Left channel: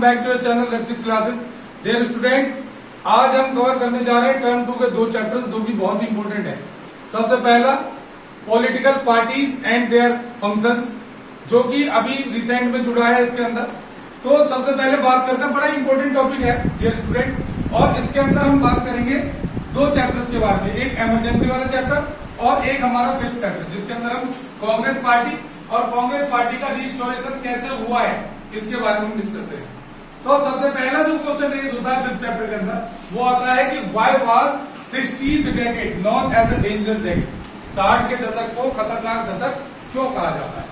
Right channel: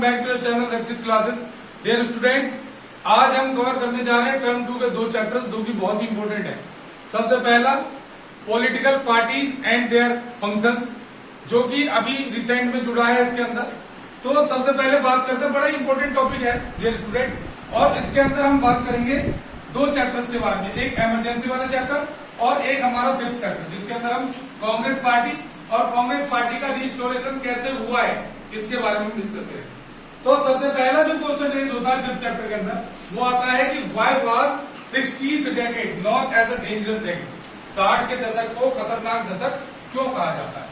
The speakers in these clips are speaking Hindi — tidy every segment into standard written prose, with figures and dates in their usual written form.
वेलकम बैक टू चैनल रेक्सिट क्लासेस। डियर स्टूडेंट्स, आज हम कवर करने जा रहे हैं टर्म 2 के दो चैप्टर्स जो कि बहुत ही इंपॉर्टेंट है। सबसे पहला political parties and their functions, जो कि अभी रिसेंट में जुड़ा है इसके अंदर। तो सबसे पहले बात करते हैं, बड़ा इंपॉर्टेंट टॉपिक है डियर स्टूडेंट्स, और इसके अंदर हम बात करेंगे दो चैप्टर्स के बारे में, एक इमरजेंसी वाला चैप्टर और एक हमारा फिफ्थ चैप्टर, जिसके अंदर हम कांग्रेस पार्टी और कांग्रेस पार्टी का रिस्टोरेशन कैसे हुआ है इसके बारे में डिस्कस करेंगे। तो सबसे पहला जो क्वेश्चन रेज होता है फिफ्थ चैप्टर के अंदर, वो आता है कि why was 60th decade known as a dangerous decade. 60 के दशक को खतरनाक दशक क्यों कहा जाता है?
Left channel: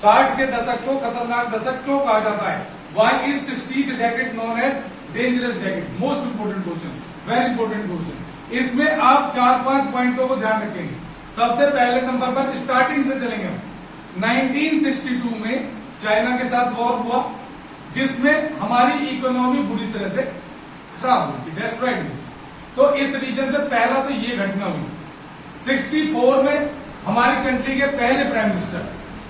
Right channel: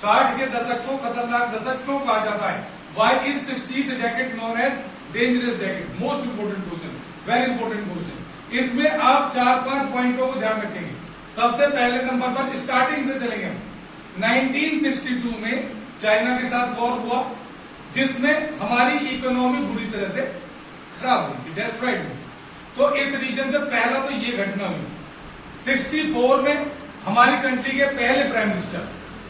60 के दशक को खतरनाक दशक क्यों कहा जाता है? Why is 60th decade known as dangerous decade? Most important question, very important question. इसमें आप 4-5 पॉइंटों को ध्यान रखेंगे। सबसे पहले नंबर पर स्टार्टिंग से चलेंगे हम। 1962 में चाइना के साथ वॉर हुआ, जिसमें हमारी इकोनॉमी बुरी तरह से खराब हुई थी, डिस्ट्रॉयड हुई। तो इस रीजन से पहला तो ये घटना हुई। 64 में हमारी कंट्री के पहले प्राइम मिनिस्टर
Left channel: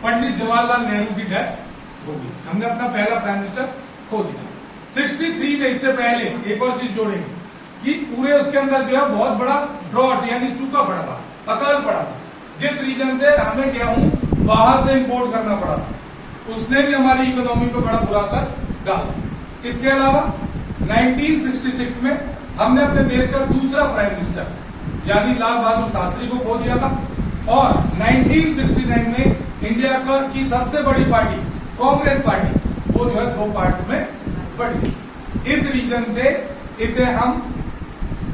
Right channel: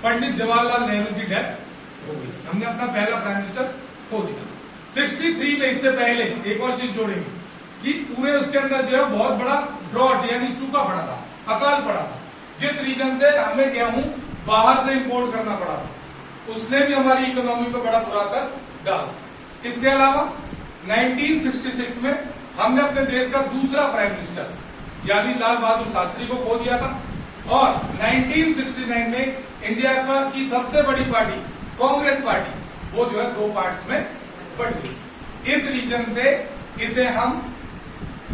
पंडित जवाहरलाल नेहरू की डेथ हो गई, हमने अपना पहला प्राइम मिनिस्टर खो दिया। 63 में इससे पहले एक और चीज जोड़ेंगे कि पूरे उसके अंदर जो है बहुत बड़ा ड्रॉट यानी सूखा पड़ा था, अकाल पड़ा था, जिस रीजन से हमें गेहूं बाहर से इंपोर्ट करना पड़ा था। उसने भी हमारी इकोनॉमी पे बड़ा बुरा असर डाला। इसके अलावा 1966 में हमने अपने देश का दूसरा प्राइम मिनिस्टर यानी लाल बहादुर शास्त्री को खो दिया था, और 1969 में इंडिया की सबसे बड़ी पार्टी कांग्रेस पार्टी वो जो है दो पार्ट्स में बढ़ गई। इस रीजन से इसे हम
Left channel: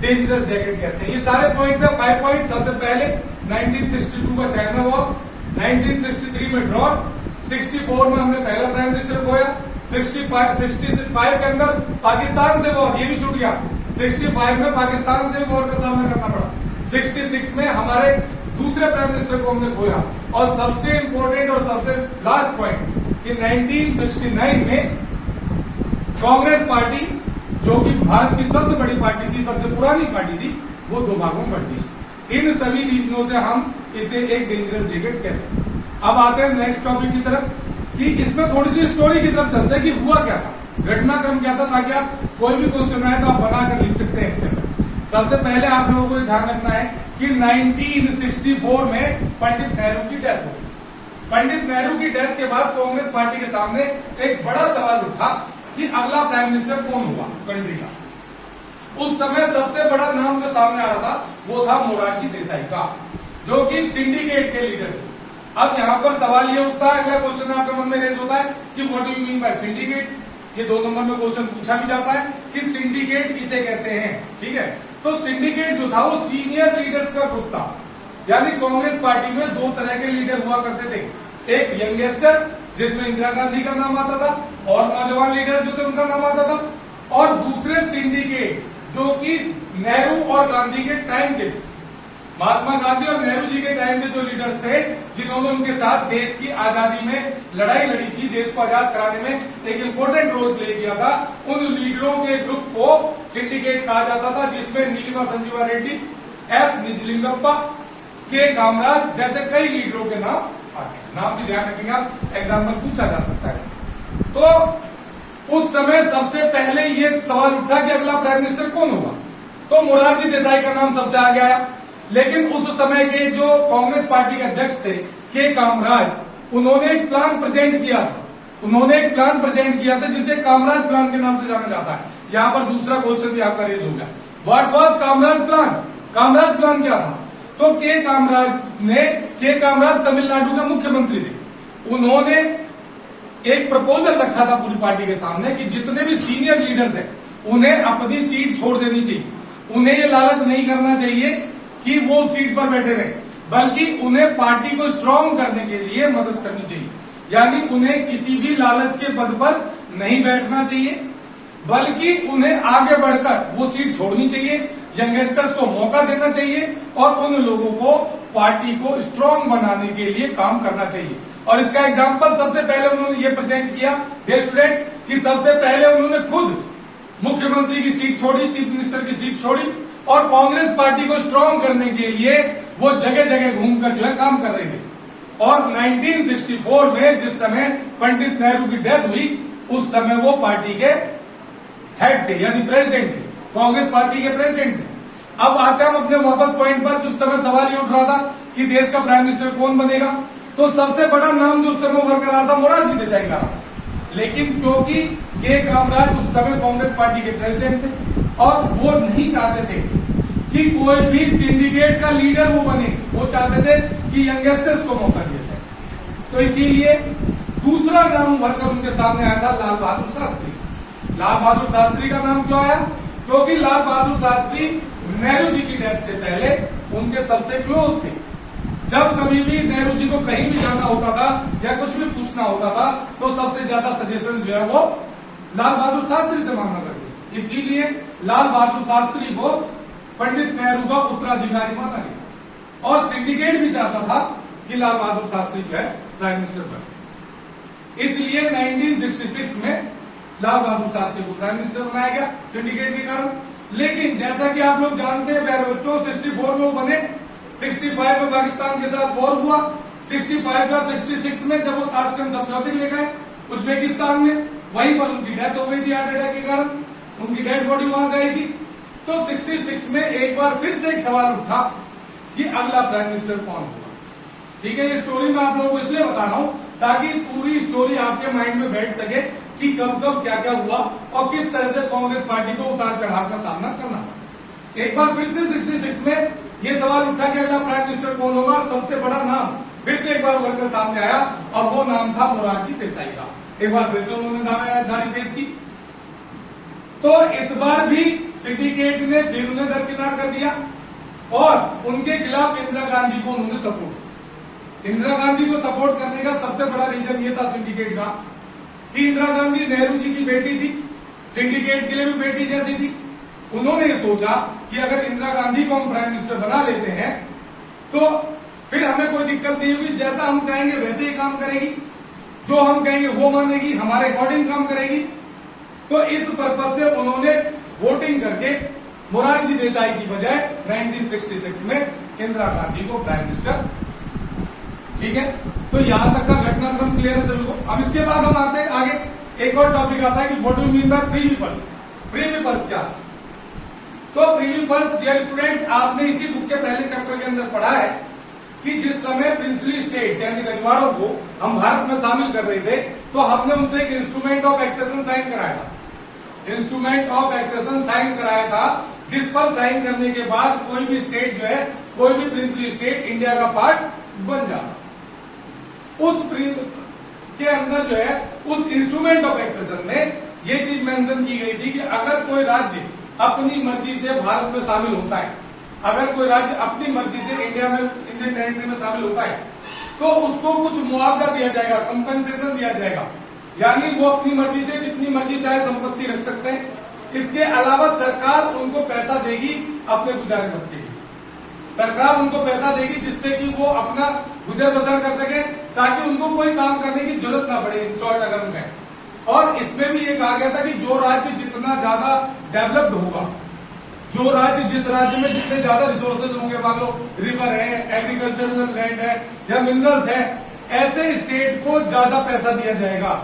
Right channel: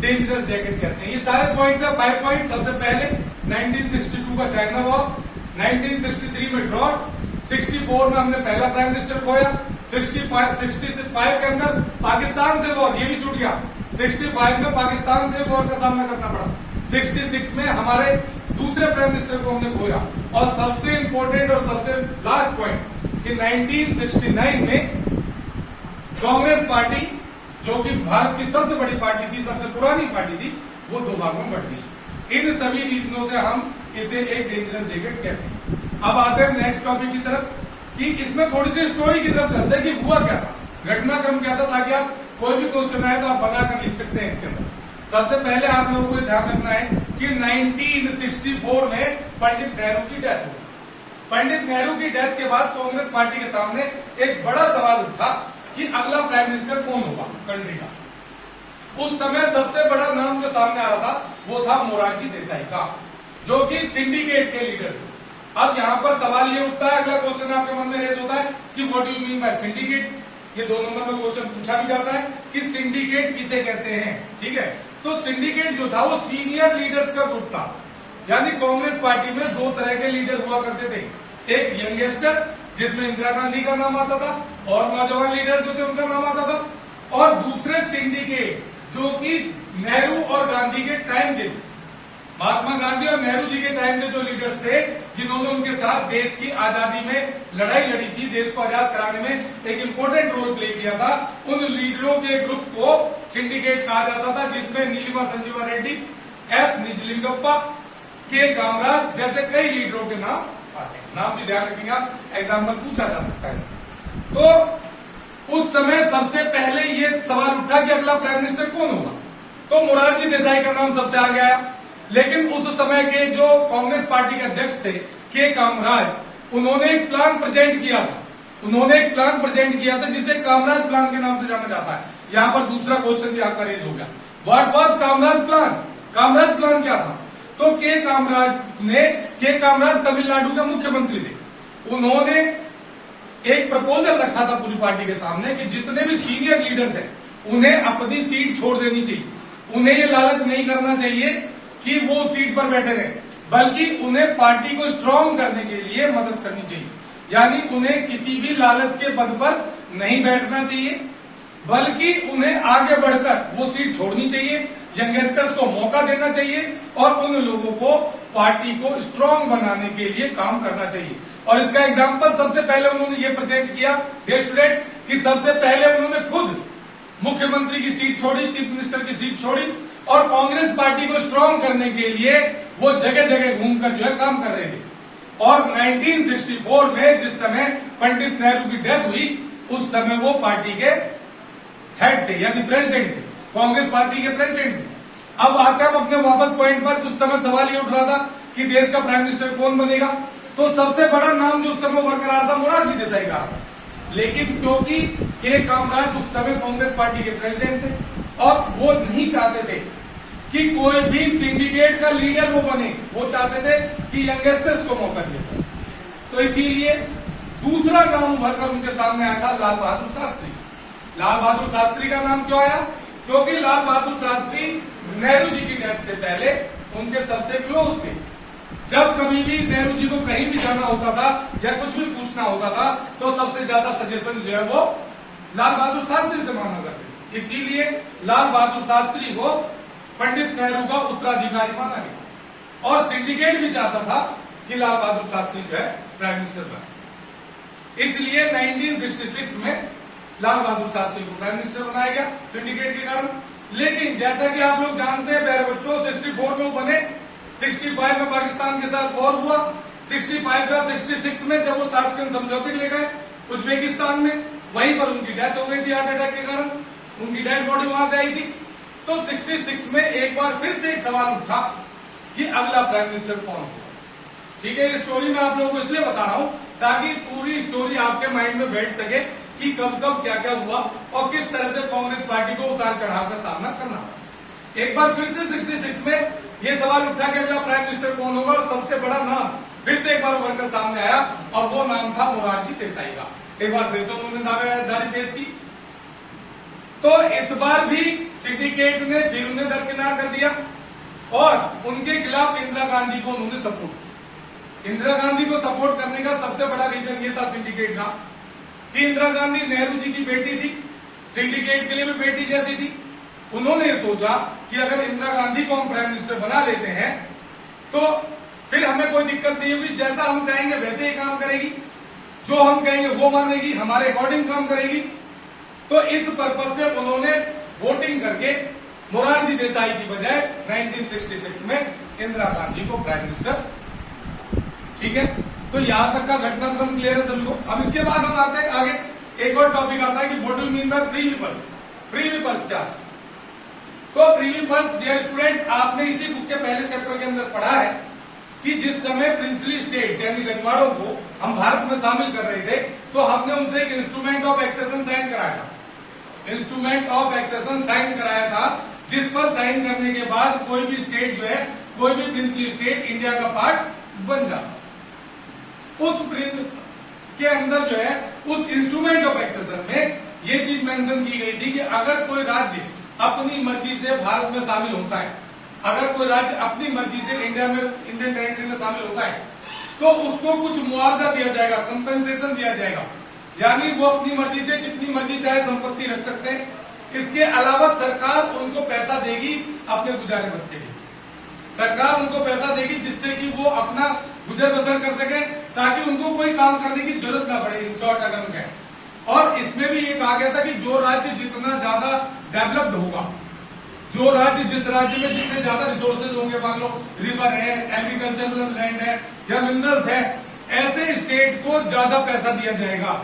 डेंजरस डेकेड कहते हैं। ये सारे पॉइंट्स है, 5 पॉइंट। सबसे पहले 1962 का चाइना वॉर, 1963 में ड्रॉट, 64 में हमने पहला प्राइम मिनिस्टर खोया, 65 के अंदर पाकिस्तान से वॉर, ये भी छूट गया। 65 में पाकिस्तान से वॉर का सामना करना पड़ा। 66 में हमारे दूसरे प्राइम मिनिस्टर को हमने खोया, और सबसे इंपॉर्टेंट और सबसे लास्ट पॉइंट कि 1969 में कांग्रेस पार्टी, जो कि भारत की सबसे बड़ी पार्टी थी, सबसे पुरानी पार्टी थी, वो दो भागों में बढ़ गई। इन सभी रीजनों से हम इसे एक डेंजरस डेकेड कहते हैं। अब आते हैं नेक्स्ट टॉपिक की तरफ, कि इसमें थोड़ी सी स्टोरी की तरफ चलते हैं कि हुआ क्या था, घटनाक्रम क्या था, ताकि आप कोई भी क्वेश्चन आए तो आप बनाकर लिख सकते हैं इसके अंदर। सबसे पहले आप लोगों को ध्यान रखना है कि 1964 में पंडित नेहरू की डेथ हो गई। पंडित नेहरू की डेथ के बाद कांग्रेस पार्टी के सामने एक बड़ा सवाल उठा कि अगला प्राइम मिनिस्टर कौन होगा कंट्री का। उस समय सबसे बड़ा नाम जो सामने आ रहा था वो था मोरारजी देसाई का, जो कि सिंडिकेट के लीडर थे। अब यहाँ पर सवाल ये उठता है, अगला क्वेश्चन आपके मन में रेज होता है कि what do you mean by syndicate. ये 2 नंबर में क्वेश्चन पूछा भी जाता है कि सिंडिकेट किसे कहते हैं, ठीक है। तो सिंडिकेट जो था वो सीनियर लीडर्स का ग्रुप था, यानी कांग्रेस पार्टी में 2 तरह के लीडर हुआ करते थे। एक यंगस्टर्स, जिसमें इंदिरा गांधी का नाम आता था, और नौजवान लीडर्स जो थे उनका नाम आता था, और दूसरे सिंडिकेट जो कि नेहरू और गांधी के टाइम के थे। महात्मा गांधी और नेहरू जी के टाइम के जो लीडर्स थे, जिन्होंने उनके साथ देश की आजादी में लड़ाई लड़ी थी, देश को आजाद कराने में एक इम्पोर्टेंट रोल प्ले किया था, उन लीडरों के ग्रुप को सिंडिकेट कहा जाता था, जिसमें नीलिमा संजीवा रेड्डी, एस निजलिंगप्पा, के कामराज जैसे कई लीडरों के नाम आते हैं। नाम भी ध्यान रखेंगे आप, एग्जाम में पूछा जा सकता है। तो उस समय सबसे पहले ये सवाल उठा कि अगला प्राइम मिनिस्टर कौन होगा, तो मोरारजी देसाई का नाम सबसे आगे आया। लेकिन उस समय के जो कांग्रेस पार्टी के अध्यक्ष थे के कामराज, उन्होंने एक प्लान प्रेजेंट किया था, जिसे कामराज प्लान के नाम से जाना जाता है। यहाँ पर दूसरा क्वेश्चन भी आपका रेज हो गया, what was Kamaraj plan? Kamaraj plan क्या था? तो के कामराज तमिलनाडु के मुख्यमंत्री थे। उन्होंने एक प्रपोजल रखा था पूरी पार्टी के सामने कि जितने भी सीनियर लीडर्स हैं उन्हें अपनी सीट छोड़ देनी चाहिए। उन्हें ये लालच नहीं करना चाहिए कि वो सीट पर बैठे रहे, बल्कि उन्हें पार्टी को स्ट्रांग करने के लिए मदद करनी चाहिए। यानी उन्हें किसी भी लालच के पद पर नहीं बैठना चाहिए, बल्कि उन्हें आगे बढ़कर वो सीट छोड़नी चाहिए, यंगस्टर्स को मौका देना चाहिए, और उन लोगों को पार्टी को स्ट्रांग बनाने के लिए काम करना चाहिए। और इसका एग्जाम्पल सबसे पहले उन्होंने ये प्रेजेंट किया डियर स्टूडेंट्स कि सबसे पहले उन्होंने खुद मुख्यमंत्री की सीट छोड़ी, चीफ मिनिस्टर की सीट छोड़ी, और कांग्रेस पार्टी को स्ट्रांग करने के लिए वो जगह जगह घूमकर जो है काम कर रहे थे। और 1964 में जिस समय पंडित नेहरू की डेथ हुई, उस समय वो पार्टी के हेड थे, यानी प्रेसिडेंट थे, कांग्रेस पार्टी के प्रेसिडेंट थे। अब आते हम अपने वापस पॉइंट पर। उस समय सवाल ये उठ रहा था कि देश का प्राइम मिनिस्टर कौन बनेगा, तो सबसे बड़ा नाम जो उस समय उभर कर रहा था मोरारजी देसाई का। लेकिन क्योंकि के कामराज उस समय कांग्रेस पार्टी के प्रेसिडेंट थे और वो नहीं चाहते थे कि कोई भी सिंडिकेट का लीडर वो बने, वो चाहते थे कि यंगस्टर्स को मौका दिया जाए। तो इसीलिए दूसरा नाम उभरकर उनके सामने आया था लाल बहादुर शास्त्री। लाल बहादुर शास्त्री का नाम क्यों आया? क्योंकि लाल बहादुर शास्त्री नेहरू जी की डेथ से पहले उनके सबसे क्लोज थे। जब कभी भी नेहरू जी को कहीं भी जाना होता था या कुछ भी पूछना होता था तो सबसे ज्यादा सजेशन जो है वो लाल बहादुर शास्त्री से मांगा करते थे। इसीलिए लाल बहादुर शास्त्री को पंडित नेहरू का उत्तराधिकारी माना गया और सिंडिकेट भी चाहता था कि लाल बहादुर शास्त्री जो है प्राइम मिनिस्टर बने। इसलिए 1966 में लाल बहादुर शास्त्री को प्राइम मिनिस्टर बनाया गया सिंडिकेट के कारण। लेकिन जैसा कि आप लोग जानते हैं प्यारे बच्चों, 64 में वो बने, 65 में पाकिस्तान के साथ वॉर हुआ, 65 का 66 में जब वो ताशकंद समझौते ले गए उज्बेकिस्तान में, वहीं पर उनकी डेथ हो गई थी हार्ट अटैक के कारण, उनकी डेड बॉडी वहां से आई थी। तो 66 में एक बार फिर से एक सवाल उठा कि अगला प्राइम मिनिस्टर कौन होगा। ठीक है, ये स्टोरी मैं आप लोगों को इसलिए बता रहा हूं ताकि पूरी स्टोरी आपके माइंड में बैठ सके कि कब कब क्या क्या हुआ और किस तरह से कांग्रेस पार्टी को उतार चढ़ाव का सामना करना पड़ा। एक बार फिर से 66 में ये सवाल उठा कि अगला प्राइम मिनिस्टर कौन होगा और सबसे बड़ा नाम फिर से एक बार उभरकर सामने आया और वो नाम था मोरारजी देसाई का। एक बार फिर से उन्होंने दावेदारी पेश की। तो इस बार भी सिंडिकेट ने फिर उन्हें दरकिनार कर दिया और उनके खिलाफ इंदिरा गांधी को उन्होंने सपोर्ट किया। इंदिरा गांधी को सपोर्ट करने का सबसे बड़ा रीजन ये था सिंडिकेट का कि इंदिरा गांधी नेहरू जी की बेटी थी, सिंडिकेट के लिए भी बेटी जैसी थी। उन्होंने ये सोचा कि अगर इंदिरा गांधी को हम प्राइम मिनिस्टर बना लेते हैं तो फिर हमें कोई दिक्कत नहीं होगी, जैसा हम चाहेंगे वैसे ही काम करेगी, जो हम कहेंगे वो मानेगी, हमारे अकॉर्डिंग काम करेगी। तो इस पर्पज से उन्होंने वोटिंग करके मोरारजी देसाई की बजाय 1966 में इंदिरा गांधी को प्राइम मिनिस्टर। ठीक है, तो यहां तक का घटनाक्रम क्लियर है सभी को। अब इसके बाद हम आते हैं आगे, एक और टॉपिक आता है कि what do you mean by Privi purse. Privi purse क्या था? तो प्रीवी पर्स डियर स्टूडेंट्स, आपने इसी बुक के पहले चैप्टर के अंदर पढ़ा है कि जिस समय प्रिंसली स्टेट्स यानी रजवाड़ों को हम भारत में शामिल कर रहे थे तो हमने उनसे एक इंस्ट्रूमेंट ऑफ एक्सेशन साइन कराया था। इंस्ट्रूमेंट ऑफ एक्सेशन साइन कराया था जिस पर साइन करने के बाद कोई भी स्टेट जो है, कोई भी प्रिंसली स्टेट इंडिया का पार्ट बन जाता। उस के अंदर जो है उस इंस्ट्रूमेंट ऑफ एक्सेशन में ये चीज मेंशन की गई थी कि अगर कोई राज्य अपनी मर्जी से भारत में शामिल होता है, अगर कोई राज्य अपनी मर्जी से इंडियन टेरिटरी में शामिल होता है तो उसको कुछ मुआवजा दिया जाएगा, कंपेंसेशन दिया जाएगा, यानी वो अपनी मर्जी से जितनी मर्जी चाहे संपत्ति रख सकते हैं। इसके अलावा सरकार उनको पैसा देगी अपने गुजारे भत्ते के, सरकार उनको पैसा देगी जिससे कि वो अपना गुजर बसर कर सके ताकि उनको कोई काम करने की जरूरत ना पड़े, इन शॉर्ट अगर हम कहें। और इसमें भी ये कहा गया था कि जो राज्य जितना ज्यादा डेवलप्ड होगा, जो राज्य जिस राज्य में जितने ज्यादा रिसोर्सेज होंगे, मान लो रिवर है, एग्रीकल्चरल लैंड है या मिनरल्स है, ऐसे स्टेट को ज्यादा पैसा दिया जाएगा।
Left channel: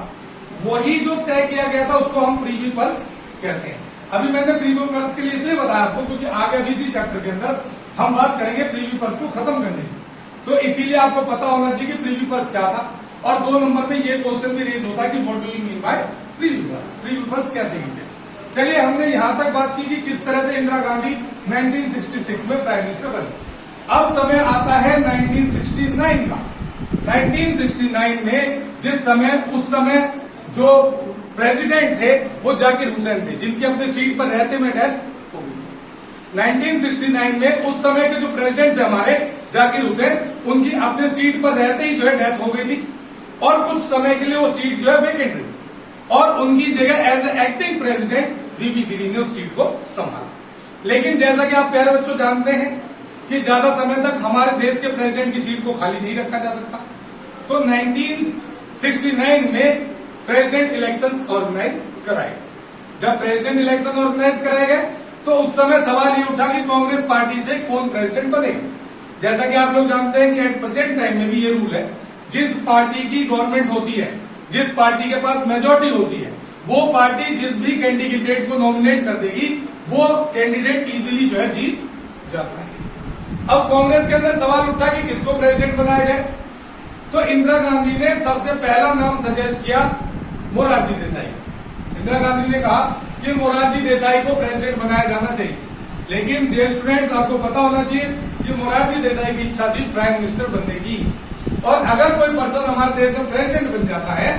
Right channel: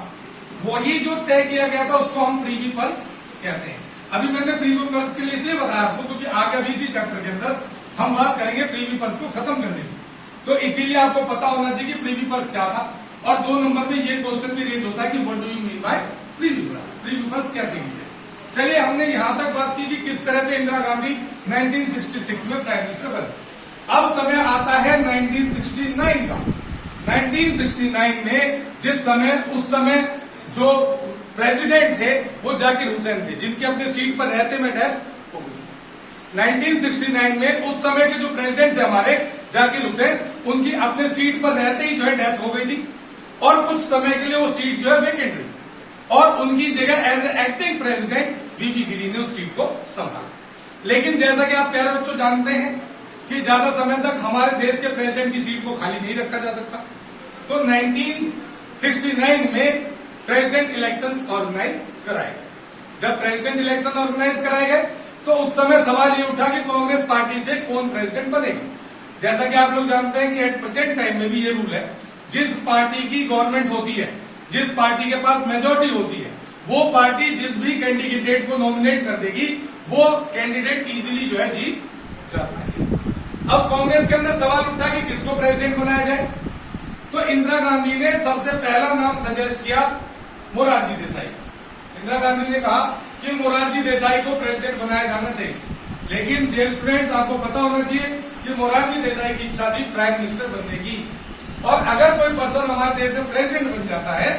वही जो तय किया गया था उसको हम प्रीवी पर्स कहते हैं। अभी मैंने प्रीवी पर्स के लिए इसलिए बताया आपको क्योंकि आगे अभी इसी चैप्टर के अंदर हम बात करेंगे प्रीवी पर्स को खत्म करने की, तो इसीलिए आपको पता होना चाहिए कि प्रीवी पर्स क्या था। और 2 नंबर में ये क्वेश्चन भी रेज होता है कि what do you mean by Privi purse, Privi purse क्या थी इसे। चलिए, हमने यहां तक बात की कि किस तरह से इंदिरा गांधी 1966 में प्राइम मिनिस्टर बने। अब समय आता है 1969 का। 1969 में जिस समय उस समय जो प्रेसिडेंट थे वो जाकिर हुसैन थे, जिनकी अपने सीट पर रहते में डेथ हो गई। 1969 में उस समय के जो प्रेसिडेंट थे हमारे जाकिर हुसैन, उनकी अपने सीट पर रहते ही जो है डेथ हो गई थी और कुछ समय के लिए वो सीट जो है वेकेंट रही और उनकी जगह एज ए एक्टिंग प्रेसिडेंट वीवी गिरी ने उस सीट को संभाला। लेकिन जैसा कि आप प्यारे बच्चों जानते हैं कि ज्यादा समय तक हमारे देश के प्रेसिडेंट की सीट को खाली नहीं रखा जा सकता, तो 1969 में प्रेसिडेंट इलेक्शन ऑर्गेनाइज कराए गए। जब प्रेसिडेंट इलेक्शन ऑर्गेनाइज कराए गए तो उस समय सवाल ये उठा कि कांग्रेस पार्टी से कौन प्रेसिडेंट बनेगा। जैसा कि आप लोग जानते हैं कि एट प्रेजेंट टाइम में भी ये रूल है, जिस पार्टी की गवर्नमेंट होती है, जिस पार्टी के पास मेजोरिटी होती है, वो पार्टी जिस भी कैंडिडेट को नॉमिनेट कर देगी वो कैंडिडेट इजीली जो है जीत जाता है। अब कांग्रेस के अंदर सवाल उठा कि किसको प्रेसिडेंट बनाया जाए, तो इंदिरा गांधी ने सबसे पहला नाम सजेस्ट किया मोरारजी देसाई। इंदिरा गांधी ने कहा कि मोरारजी देसाई को प्रेसिडेंट बनाया जाना चाहिए, लेकिन डियर स्टूडेंट्स आपको पता होना चाहिए कि मोरारजी देसाई की इच्छा थी प्राइम मिनिस्टर बनने की, और अगर कोई पर्सन हमारे देश में प्रेसिडेंट बन जाता है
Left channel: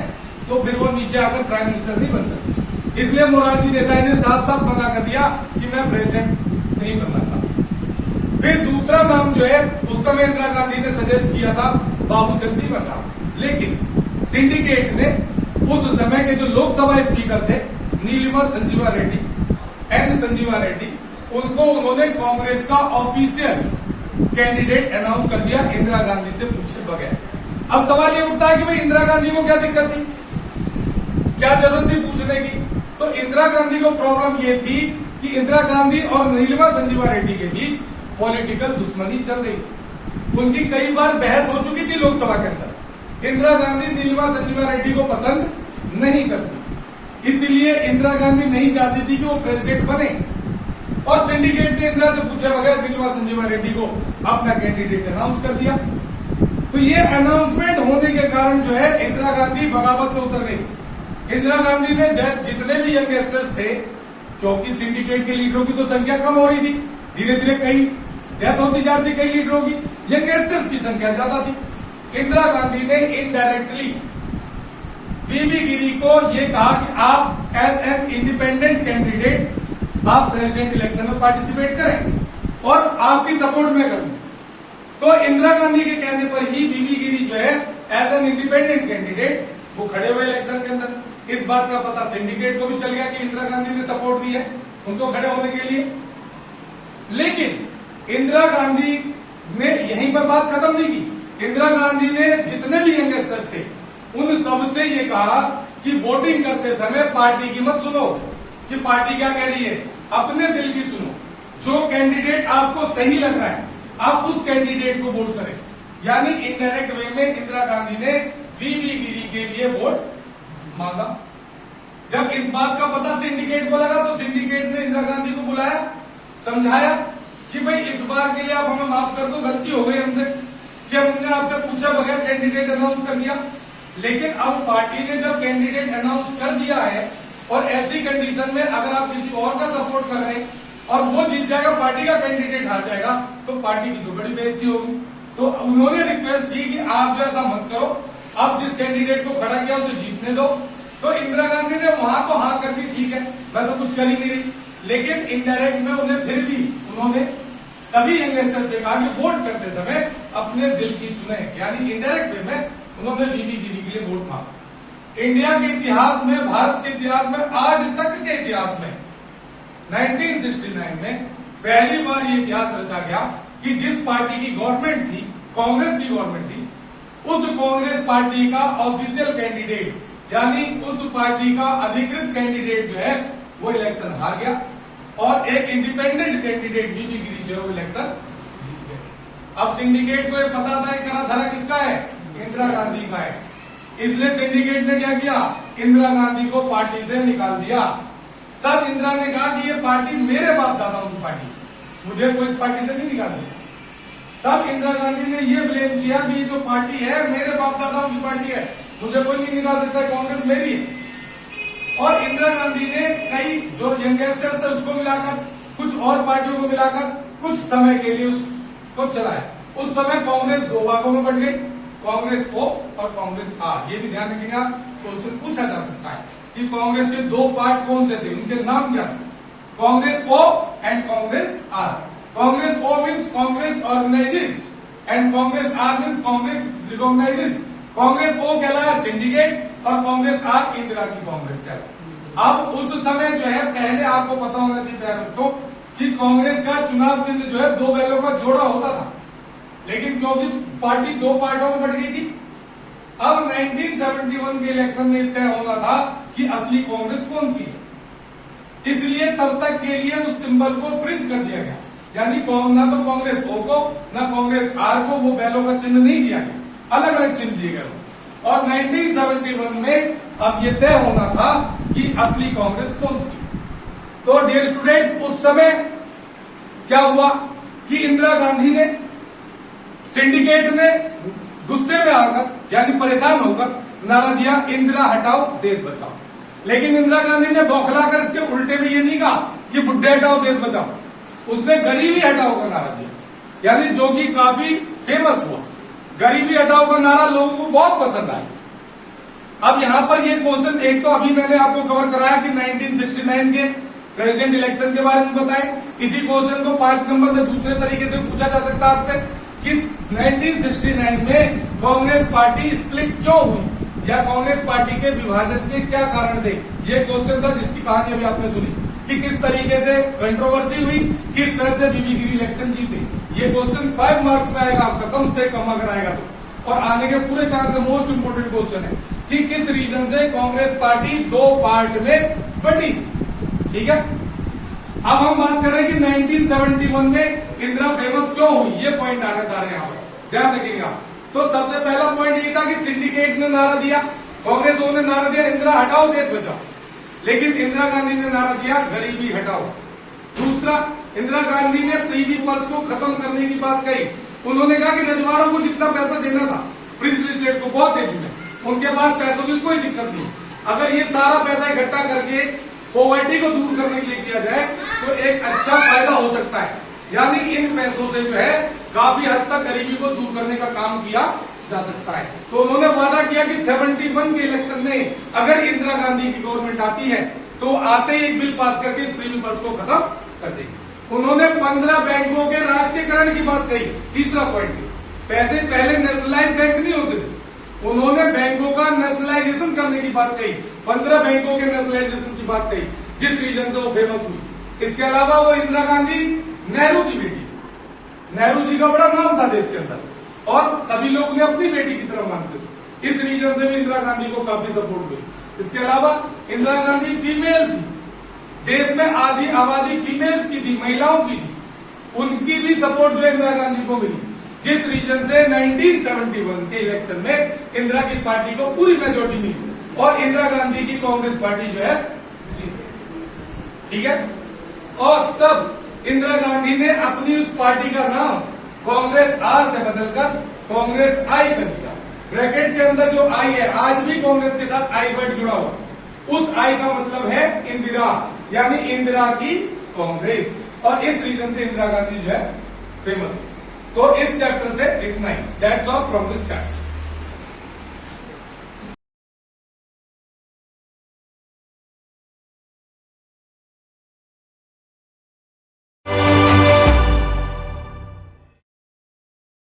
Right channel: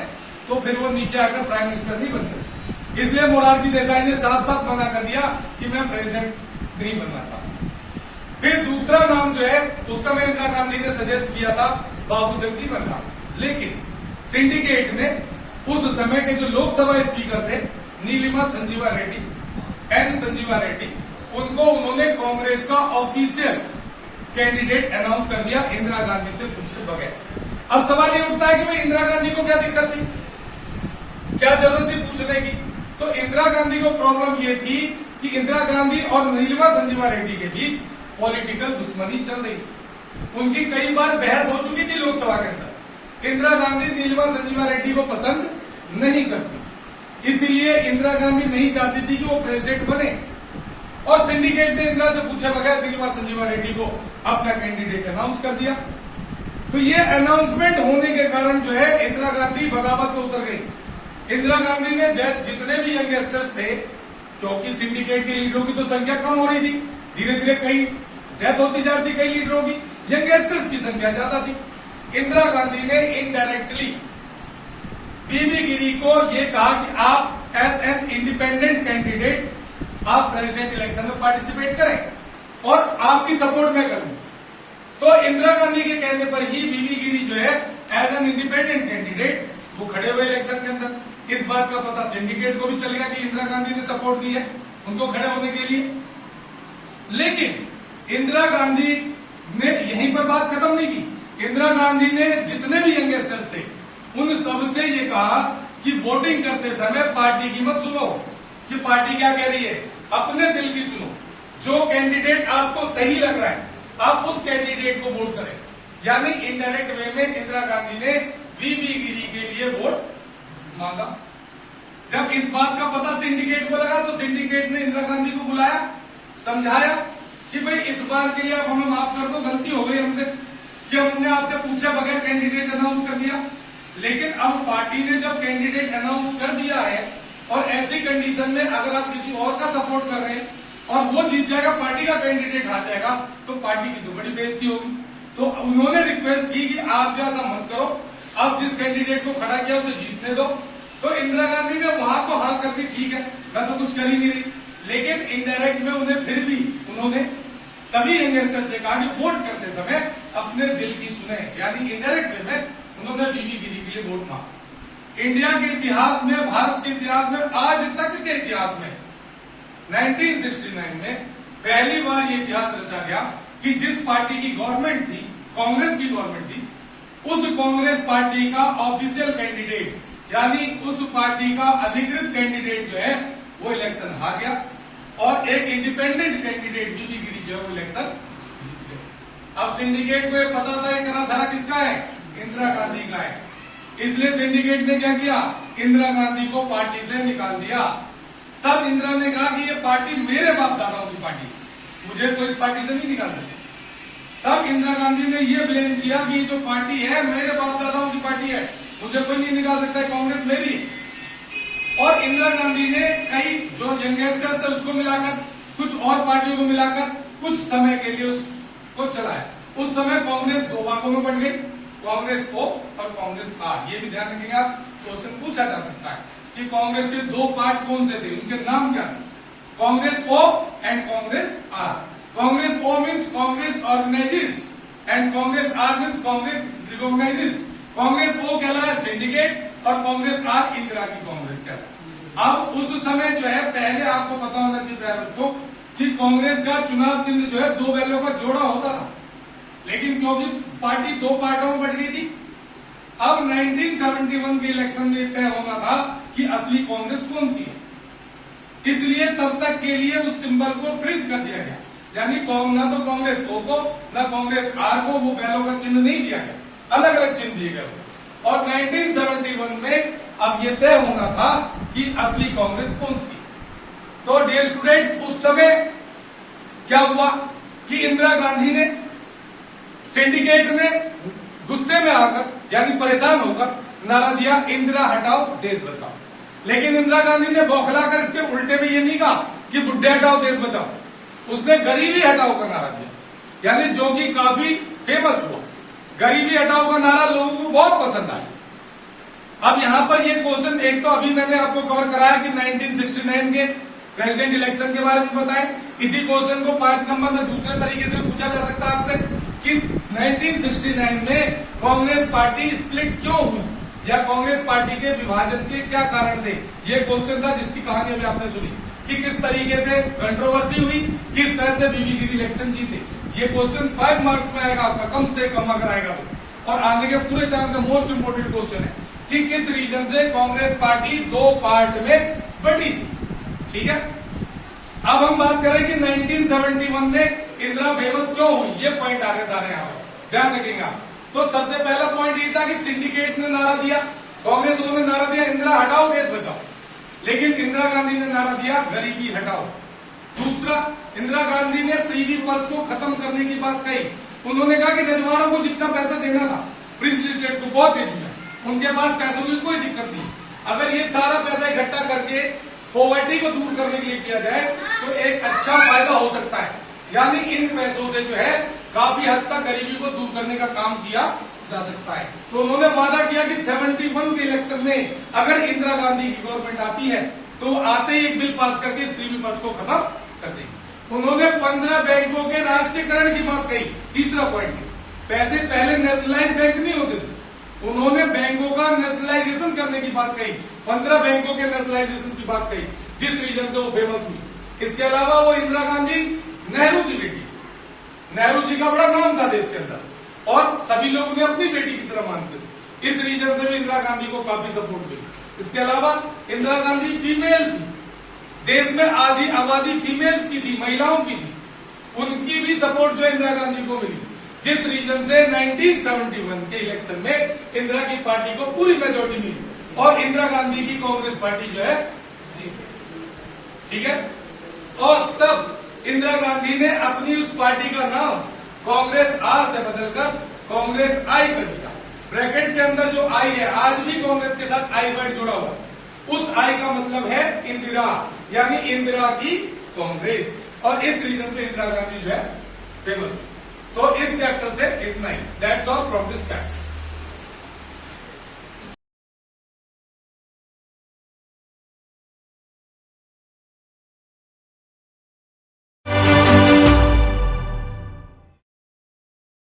तो फिर वो नीचे आकर प्राइम मिनिस्टर नहीं बन सकते। इसलिए मोरारजी देसाई ने साफ साफ मना कर दिया कि मैं प्रेसिडेंट नहीं बनना चाहता। फिर दूसरा नाम जो है उस समय इंदिरा गांधी ने सजेस्ट किया था बाबू जगजीवन राम, लेकिन सिंडिकेट ने उस समय के जो लोकसभा स्पीकर थे नीलिमा संजीवा रेड्डी, एन संजीवा रेड्डी, उनको उन्होंने कांग्रेस का ऑफिशियल कैंडिडेट अनाउंस कर दिया इंदिरा गांधी से पूछे बगैर। अब सवाल ये उठता है कि भाई इंदिरा गांधी को क्या दिक्कत थी, क्या जरूरत थी पूछने की? तो इंदिरा गांधी को प्रॉब्लम ये थी कि इंदिरा गांधी और नीलिमा संजीवा रेड्डी के बीच पॉलिटिकल दुश्मनी चल रही थी। उनकी कई बार बहस हो चुकी थी लोकसभा के अंदर। इंदिरा गांधी नीलिमा संजीवा रेड्डी को पसंद नहीं करती थी, इसीलिए इंदिरा गांधी नहीं चाहती थी कि वो प्रेसिडेंट बने, और सिंडिकेट ने इंदिरा से पूछे बगैर नीलिमा संजीवा रेड्डी को अपना कैंडिडेट अनाउंस कर दिया। तो ये अनाउंसमेंट होने के कारण जो है इंदिरा गांधी बगावत में उतर गई। इंदिरा गांधी ने जितने भी यंगस्टर्स थे, क्योंकि सिंडिकेट के लीडरों की तो संख्या कम हो रही थी, धीरे धीरे कई डेथ होती जा रही थी कई लीडरों की, यंगस्टर्स की संख्या ज्यादा थी। इंदिरा गांधी ने इनडायरेक्टली वीवी गिरी को ये कहा कि आप एज एन इंडिपेंडेंट कैंडिडेट आप प्रेसिडेंट इलेक्शन में पार्टिसिपेट करें और आपकी सपोर्ट में करूं। तो इंदिरा गांधी के कहने पर ही वीवी गिरी जो है एज एन इंडिपेंडेंट कैंडिडेट वो खड़े हुए इलेक्शन के अंदर। इस बात का पता सिंडिकेट को भी चल गया कि इंदिरा गांधी ने सपोर्ट दी है उनको खड़े होने के लिए। लेकिन इंदिरा गांधी ने यहीं पर बात खत्म नहीं की। इंदिरा गांधी ने जितने भी यंगस्टर्स थे उन सबसे ये कहा कि वोटिंग करते समय पार्टी की मत सुनो कि पार्टी क्या कह रही है, अपने दिल की सुनो। जो कैंडिडेट आपको सही लग रहा है आप उस कैंडिडेट को वोट करें। यानी इनडायरेक्ट वे में इंदिरा गांधी ने वीवी गिरी के लिए वोट मांगा। जब इस बात का पता सिंडिकेट को लगा तो सिंडिकेट ने इंदिरा गांधी को बुलाया, समझाया कि भाई इस बार के लिए आप हमें माफ कर दो, गलती हो गई हमसे कि हमने आपसे पूछा बगैर कैंडिडेट अनाउंस कर दिया। लेकिन अब पार्टी ने जब कैंडिडेट अनाउंस कर दिया है और ऐसी कंडीशन में अगर आप किसी और का सपोर्ट कर रहे हैं और वो जीत जाएगा, पार्टी का कैंडिडेट हार जाएगा, तो पार्टी की तो बड़ी बेइज्जती होगी। तो उन्होंने रिक्वेस्ट की कि आप जो ऐसा मत करो, आप जिस कैंडिडेट को खड़ा किया उसे जीतने दो। तो इंदिरा गांधी ने वहां तो हार कर दी, ठीक है मैं तो कुछ कर ही नहीं रही, लेकिन इनडायरेक्ट में उन्हें फिर भी उन्होंने सभी यंगस्टर से कहा कि वोट करते समय अपने दिल की सुने। यानी इनडायरेक्ट वे में उन्होंने वीवी गिरी के लिए वोट मांगा। इंडिया के इतिहास में, भारत के इतिहास में, आज तक के इतिहास में 1969 में पहली बार ये इतिहास रचा गया कि जिस पार्टी की गवर्नमेंट थी, कांग्रेस की गवर्नमेंट थी, उस कांग्रेस पार्टी का ऑफिशियल कैंडिडेट यानी उस पार्टी का अधिकृत कैंडिडेट जो है वो इलेक्शन हार गया और एक इंडिपेंडेंट कैंडिडेट वीवी गिरी जो है वो इलेक्शन जीत गए। अब सिंडिकेट को ये पता था करा धरा किसका है, इंदिरा गांधी का है, इसलिए सिंडिकेट ने क्या किया, इंदिरा गांधी को पार्टी से निकाल दिया। तब इंदिरा ने कहा कि ये पार्टी मेरे बाप दादाओं की पार्टी, मुझे कोई इस पार्टी से नहीं निकाल सकता। तब इंदिरा गांधी ने ये ब्लेम किया कि ये जो पार्टी है मेरे बाप दादाओं की पार्टी है, मुझे कोई नहीं निकाल सकता, कांग्रेस मेरी। और इंदिरा गांधी ने कई जो यंगस्टर्स थे उसको मिलाकर, कुछ और पार्टियों को मिलाकर कुछ समय के लिए उसको चलाया। उस समय कांग्रेस दो भागों में बट गई, कांग्रेस O और कांग्रेस R। ये भी ध्यान रखेंगे आप, क्वेश्चन पूछा जा सकता है कि कांग्रेस के दो पार्ट कौन से थे, उनके नाम क्या थे, Congress O and Congress R। Congress O means Congress organisist and Congress R means Congress recognisist. Congress O कहलाया सिंडिकेट और कांग्रेस R इंदिरा की कांग्रेस कहलाया। अब उस समय जो है, पहले आपको पता होना चाहिए प्यारे बच्चों कि कांग्रेस का चुनाव चिन्ह जो है दो बैलों का जोड़ा होता था, लेकिन क्योंकि पार्टी दो पार्टों में बट गई थी, अब 1971 के इलेक्शन में तय होना था कि असली कांग्रेस कौन सी है, इसलिए तब तक के लिए उस सिंबल को फ्रीज कर दिया गया। यानी ना तो कांग्रेस O को ना कांग्रेस R को वो बैलों का चिन्ह नहीं दिया गया, अलग अलग चिन्ह दिए गए। और 1971 में अब ये तय होना था कि असली कांग्रेस कौन सी है। तो डियर स्टूडेंट्स, उस समय क्या हुआ कि इंदिरा गांधी ने, सिंडिकेट ने गुस्से में आकर यानी परेशान होकर नारा दिया, इंदिरा हटाओ देश बचाओ। लेकिन इंदिरा गांधी ने बौखलाकर इसके उल्टे में ये नहीं कहा कि बुड्ढे हटाओ देश बचाओ, उसने गरीबी हटाओ का नारा दिया, यानी जो कि काफी फेमस हुआ। गरीबी हटाओ का नारा लोगों को बहुत पसंद आया। अब यहां पर ये क्वेश्चन, एक तो अभी मैंने आपको कवर कराया कि 1969 के प्रेसिडेंट इलेक्शन के बारे में बताएं। इसी क्वेश्चन को 5 नंबर में दूसरे तरीके से पूछा जा सकता है आपसे कि 1969 में कांग्रेस पार्टी स्प्लिट क्यों हुई, या कांग्रेस पार्टी के विभाजन के क्या कारण थे। ये क्वेश्चन था जिसकी कहानी अभी आपने सुनी कि किस तरीके से कंट्रोवर्सी हुई, किस तरह से बीबी गिरी इलेक्शन जीते। ये क्वेश्चन 5 मार्क्स में आएगा आपका, कम से कम अगर आएगा तो। और आने के पूरे चांस से मोस्ट इंपोर्टेंट क्वेश्चन है कि किस रीजन से कांग्रेस पार्टी 2 पार्ट में बटी थी। ठीक है, अब हम बात करें कि 1971 में इंदिरा फेमस क्यों हुई। ये पॉइंट आ रहे सारे यहाँ पर, ध्यान रखिएगा। तो सबसे पहला पॉइंट ये था कि सिंडिकेट ने नारा दिया, कांग्रेस ने नारा दिया इंदिरा हटाओ देश बचाओ, लेकिन इंदिरा गांधी ने नारा दिया गरीबी हटाओ। दूसरा, इंदिरा गांधी ने प्रीवी पर्स को खत्म करने की बात कही। उन्होंने कहा कि रजवाड़ों को जितना पैसा देना था प्रिंसली स्टेट को बहुत दे चुके, उनके पास पैसों की कोई दिक्कत नहीं। अगर ये सारा पैसा इकट्ठा करके पॉवर्टी को दूर करने के लिए किया जाए तो एक अच्छा फायदा हो सकता है, यानी इन पैसों से जो है काफी हद तक गरीबी को दूर करने का काम किया जा सकता है। तो उन्होंने वादा किया कि 71 के इलेक्शन में अगर इंदिरा गांधी की गवर्नमेंट आती है तो आते ही एक बिल पास करके इस प्रीवी पर्स को खत्म कर देगी। उन्होंने 15 बैंकों के राष्ट्रीयकरण की बात कही। तीसरा पॉइंट, पैसे पहले नेशनलाइज बैंक नहीं होते थे, उन्होंने बैंकों का नेशनलाइजेशन करने की बात कही, 15 बैंकों के नेशनलाइजेशन की बात कही, जिस रीजन से वो फेमस हुई। इसके अलावा वो इंदिरा गांधी नेहरू की बेटी, नेहरू जी का बड़ा नाम था देश के अंदर और सभी लोग उन्हें अपनी बेटी की तरह मानते थे। इस रीजन से भी इंदिरा गांधी को काफी सपोर्ट मिली। इसके अलावा इंदिरा गांधी फीमेल थी, देश में आधी आबादी फीमेल्स की थी, महिलाओं की थी, उनकी भी सपोर्ट जो इंदिरा गांधी को मिली, जिस रीजन से 1971 के इलेक्शन में इंदिरा की पार्टी को पूरी मेजोरिटी मिली और इंदिरा गांधी की कांग्रेस पार्टी जो है जीत गई। ठीक है, और तब इंदिरा गांधी ने अपनी उस पार्टी का नाम कांग्रेस आर से बदलकर कांग्रेस आई कर दिया। ब्रैकेट के अंदर जो आई है, आज भी कांग्रेस के साथ आई वर्ड जुड़ा हुआ है, उस आई का मतलब है इंदिरा, यानी इंदिरा की कांग्रेस, और इस रीजन से इंदिरा गांधी जो है फेमस है। तो इस चैप्टर से इतना ही, that's all from this chapter.